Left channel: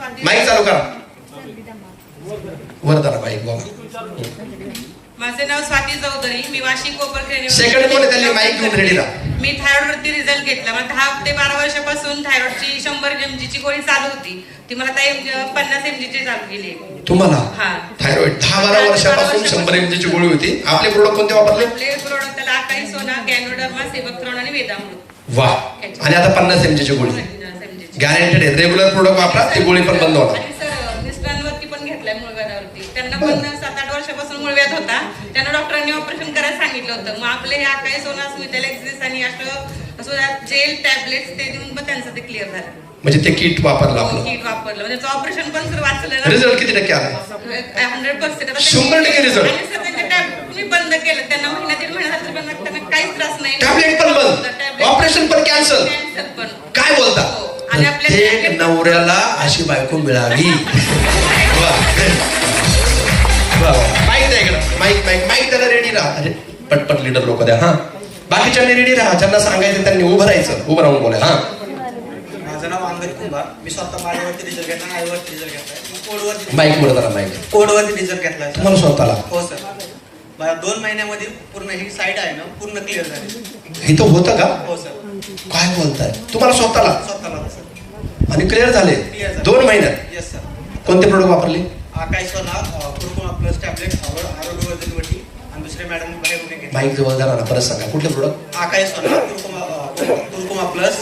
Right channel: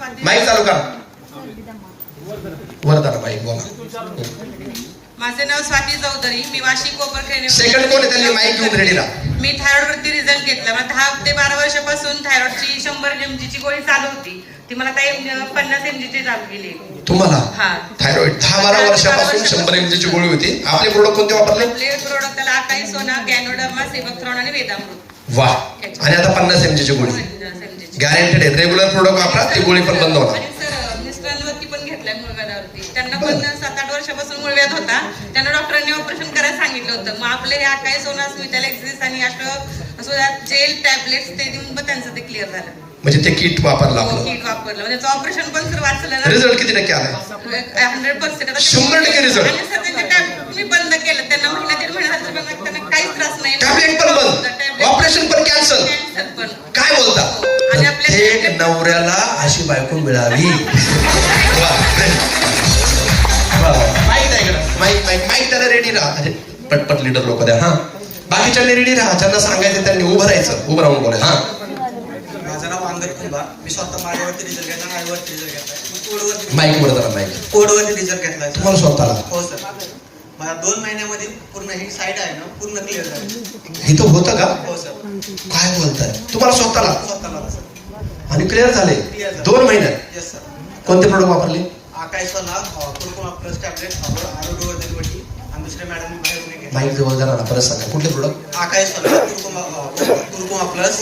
Mic चालू करा. वरदाना माईक बोला. माझे नाव स्वाती चौधरी, मी वाशी कोपरखेडे. सेकंड कोण आहे त्यांनी माईक घेऊन रेडी राहा. मी थायरॉइड वरती रिझल्ट घेतला. मला 10 ते 12 वर्षापासून थायरॉइडची 100 mg ची गोळी चालू होती. ती मला आता 50 mg ची चालू केली. तुम्हाला हा थायरॉइड 10-12 वर्षापासून 100 mg ची गोळी होती. आपले प्रोडक्ट कोणते वापरले? आपले प्रोडक्ट त्याला आकाई सोना, गॅनोडर्मा, सेबक्थ्रॉन आणि वेदामृत. वा. आणि आता 50 mg ची गोळी गॅरंटेड आहे. रेग्युलर प्रोडक्ट वापरा, ती गोळी पण बंद होणार. आणि सर मिस्टरांवरती पण घेतलाय मुळव्याधावरती. त्यांना पण 7-8 वर्षापासून मुळव्याध होता. त्यांना डॉक्टरांनी ऑपरेशन करायला सांगितलं होतं. मग आपले हे आकाई सोना, स्मिथॅलेक्सिस आणि जेल टॅबलेट्स ते देऊन पण त्यांचं ते क्लिअर झालं. म्हणजे ते किट वापरलं आपलं. किट वापरलं म्हणजे ऑपरेशन पण सर वाचलं ना. रिझल्ट किती टक्के आलाय? 100%. 100% रिझल्ट. आणि सर त्यांचे टॅबलेट तुम्ही बंद केलं. त्यांना महिना 1.5 महिन्यानंतर पण त्यांना काहीच त्रास नाही. टॅबलेट पण बंद, ऑपरेशन पण कॅन्सल. पण काय बोलता? आणि आपल्या एक नवऱ्याला अशी बायको मिळावी. माईक माईक माईक त्याला रेडी राहा. अरे पटपट लीडर लोक द्या. हा बाकीच्यांनी रेडी राहा. ज्यांना सांगायचं त्यांनी उभं राहायचं, उभं राहून बोलाय. हा माझं नाव अंगद कुंभार. मी स्वतः माझ्यावरती रिझल्ट घेतला, आईवरती रिझल्ट घेतलाय. कोडवरती माईक वर जरा माईक. कोडवरती रिझल्ट घेतलाय. तुम्हाला स्वतःला? हो सर. मला 2 महिन्यामध्ये पूर्ण ही साईड आहे ना पूर्ण क्लिअर झाली. इथं होतं का? हो सर. काय बोलताय? तुम्हाला स्वतःला? स्वतःला सर. आणि क्लिअर झाले 2 महिन्यात? Yes sir. कोणते प्रोडक्ट वापरले? आकाई सोना, कुरकुमा प्लस टॅबलेट, आरोग्यवर्धन वटी आणि दुसरे मॅडम बाहेरून घेतले. माईक जवळ जरा ना, परत सांगा कुठले प्रोडक्ट? आकाई सोना, कुरकुमा प्लस,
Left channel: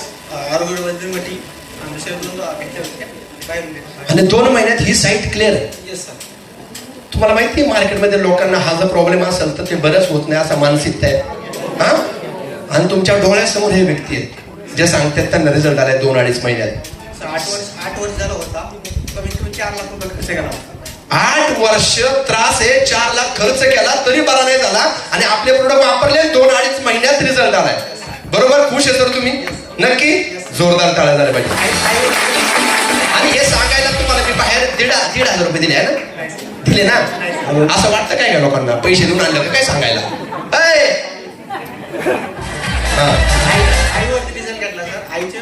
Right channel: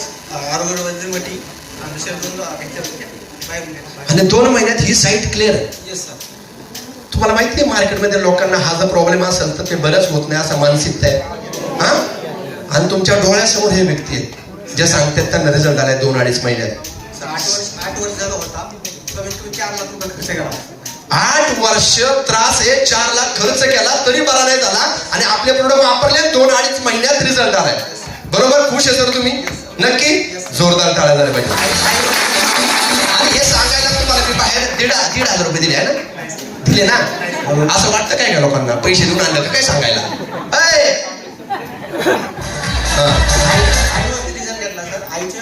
आरोग्यवर्धन वटी आणि दुसरे 2 बाहेरून घेतले. आणि 2 महिन्यात ही साईट क्लिअर? Yes sir. तुम्हाला माहिती आहे मार्केटमध्ये लोकांना हा जर प्रॉब्लेम असेल तर ते बरंच होत नाही असं मानसिकता आहे. हा आणि तुमच्या डोळ्यासमोर हे व्यक्ती आहेत जे सांगतात त्यांना रिझल्ट आलाय 2-2.5 महिन्यात. 8 वर्ष झालं होता. कमीत कमी 4 लाख रुपये खर्च केला. 8 वर्ष त्रास आहे, 4 लाख खर्च केला तरी बरा नाही झाला. आणि आपले प्रोडक्ट वापरले 2-2.5 महिन्यात रिझल्ट आलाय. बरोबर? खुश आहे सर तुम्ही? नक्की जोरदार टाळ्या झाल्या पाहिजे. आणि हे सांगायला तुम्हाला मी बाहेर 1,500 रुपये दिले आहे ना? दिले ना? असं वाटतं काय का लोकांना पैसे देऊन आणलं का काय सांगायला? आईवरती रिझल्ट घेतला सर. आईच्या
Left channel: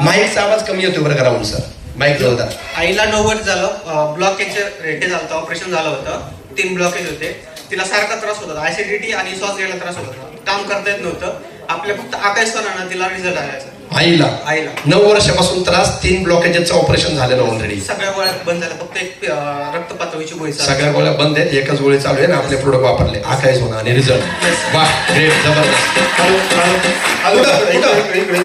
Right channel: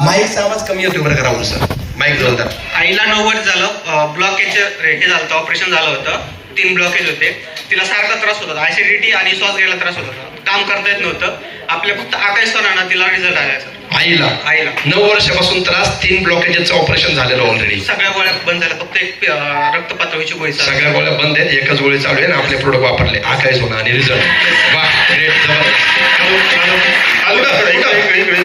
माईकचा आवाज कमी होतो बरं का राहुल सर? माईक जोरदार. आईला 90 झालं. ब्लॉकेज रेट झालं होतं. ऑपरेशन झालं होतं. 3 ब्लॉकेज होते. तिला सारखा त्रास होत होता. ऍसिडिटी आणि श्वास घ्यायला त्रास होत होता. काम करता येत नव्हतं. आपल्या फक्त आकाश सोनानं तिला रिझल्ट आला सर. आईला 9 वर्षापासून त्रास, 3 ब्लॉकेजचं ऑपरेशन झालेलं ऑलरेडी. सगळ्या गोळ्या बंद झाल्या. फक्त एक रक्त पातळीची गोळी. सगळ्या गोळ्या बंद आहेत, एकच गोळी चालू आहे. आपले प्रोडक्ट वापरले आकाश होणं आणि रिझल्ट. वा, जबरदस्त.